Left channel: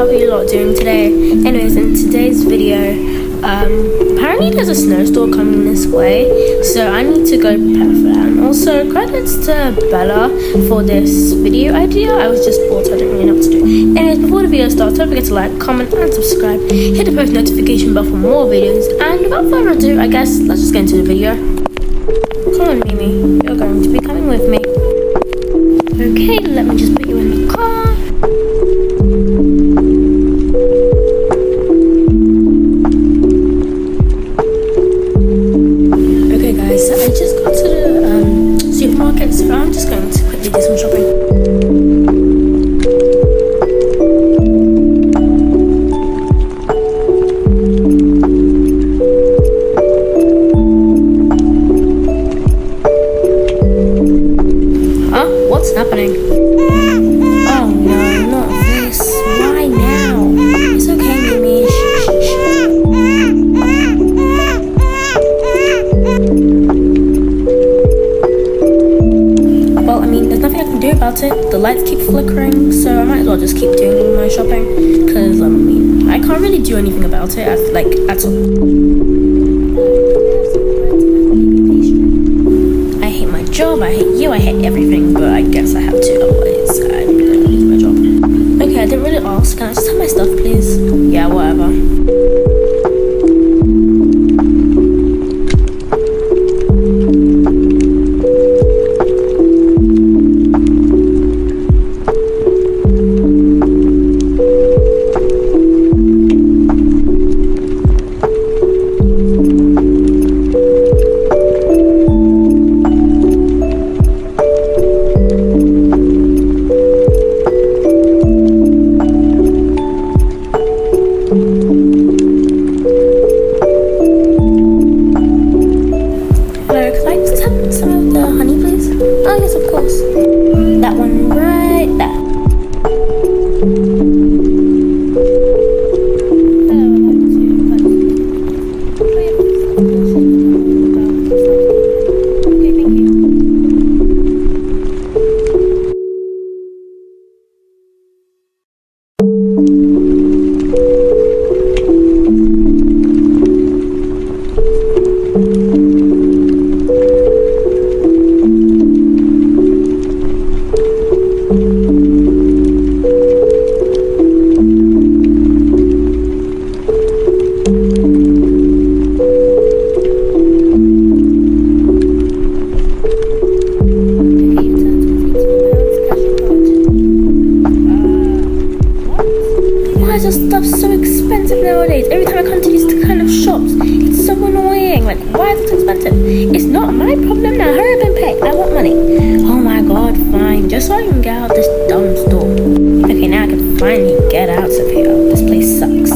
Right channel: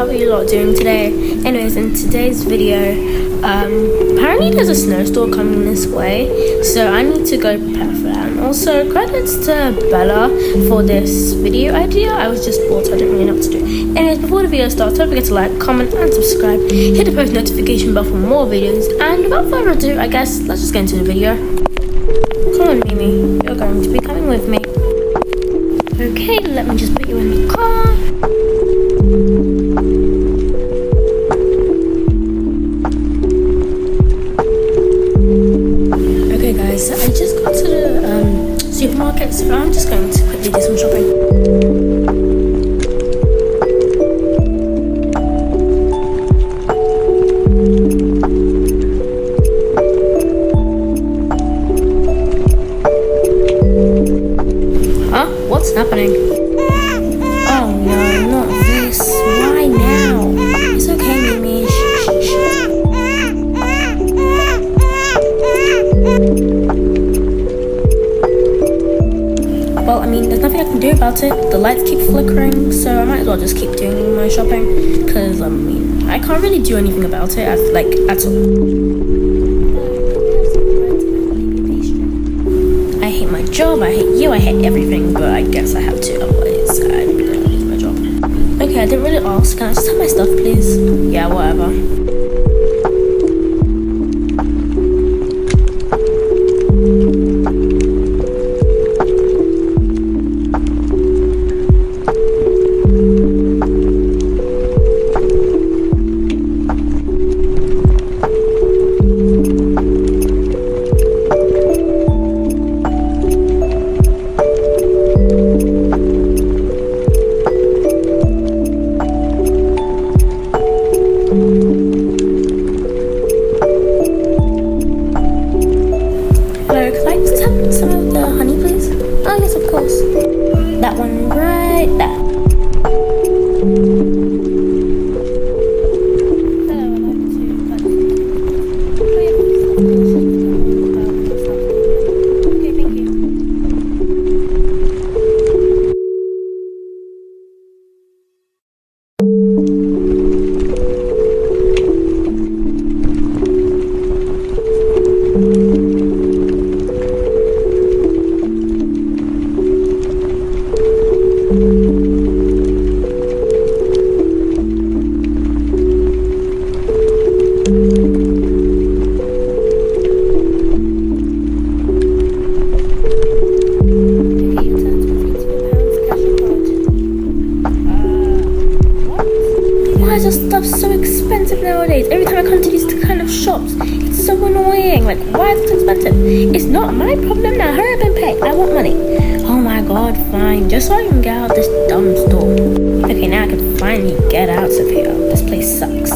how are you lot doing today? Anyways, in today's video, apparently there's a snowstorm coming this way, so I need to go prepare for that. And also, credits to Bella for this video idea. I was just bored, so I didn't really know what to do. Anyways, before the video starts, don't forget to like, comment, and subscribe. Hit the post notification bell for more videos. And without further ado, I guess let's just get into the video. Come on, Mimi, you're going to be coming with me. Okay, let me just put you in the car. Okay guys, I just got to the supermarket, so I'm just going to quickly do some shopping. What's happening? Oh no, not this. Why now? It's okay, Mimi. Shh. Well, I mean, there's nothing I can do about it. The lights keep flickering, so I might as well just keep doing my shopping. Because, I mean, I can't really do anything about it, at all. I hate my job, I hate you, I hate everything, but I guess I have to, otherwise I'm gonna lose my job. Okay, I didn't really ask. Can I just have my stuff, please? Yeah, whatever. Hello, could I just have some of the honey, please? Oh, yes, of course. That one right there. Okay, thank you. Why is this stuff so expensive nowadays? Every time I come to these kind of shops, it's so annoying. Like, why is it so expensive? It's not my problem now. Hurry up and pay. I want money. Oh my god, fine. Just so I can get out this dumb store. Okay, now I can finally get out of here. This place sucks.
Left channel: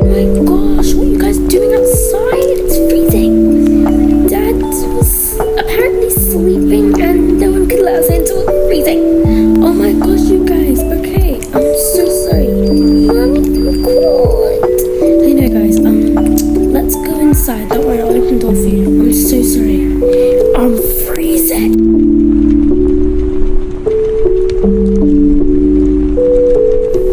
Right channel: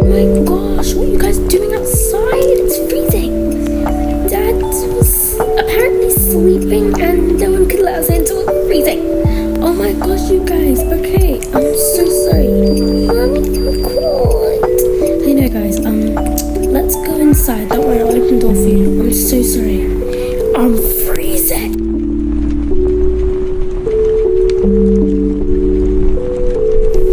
Oh my gosh, what are you guys doing outside? It's freezing. Dad was apparently sleeping and no one could let us into it freezing. Oh my gosh, you guys. Okay, I'm so sorry. Mommy, I'm cold. I know, guys. Let's go inside. Don't worry, I'll open the door for you. I'm so sorry. I'm freezing.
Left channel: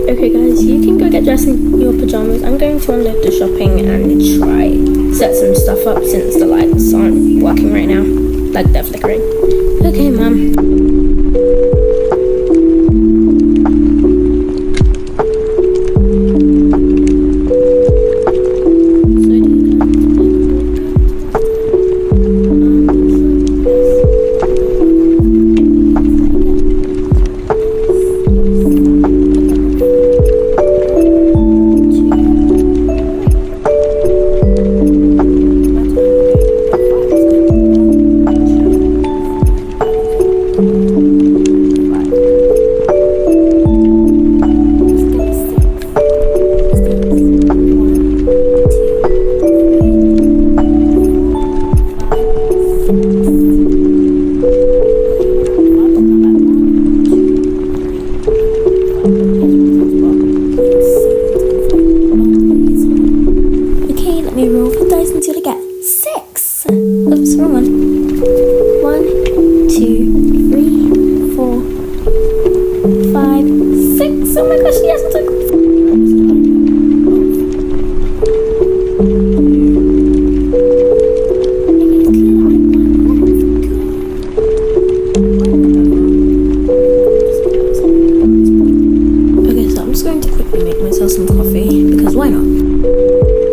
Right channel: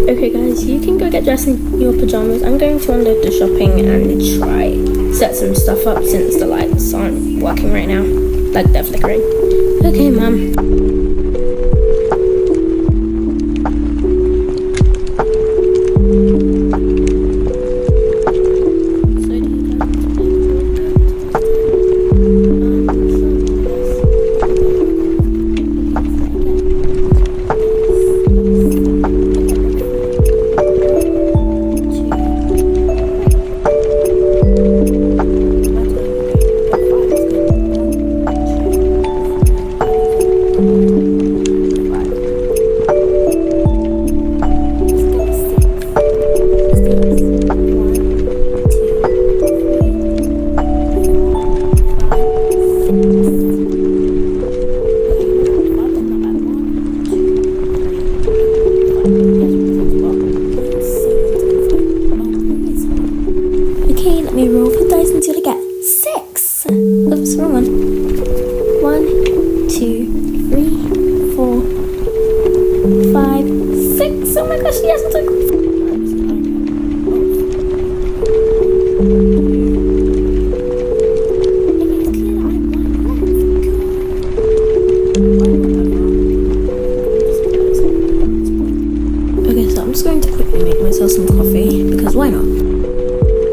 Okay, guys, you can go get dressed in your pajamas. I'm going to unload the shopping and try set some stuff up since the lights aren't working right now. Like they're flickering. Okay, Mum. Okay, let me roll the dice until I get 6. Oops, wrong one. Oh my gosh, she hasn't took. Okay, so I'm just going to quickly make myself some coffee because why not?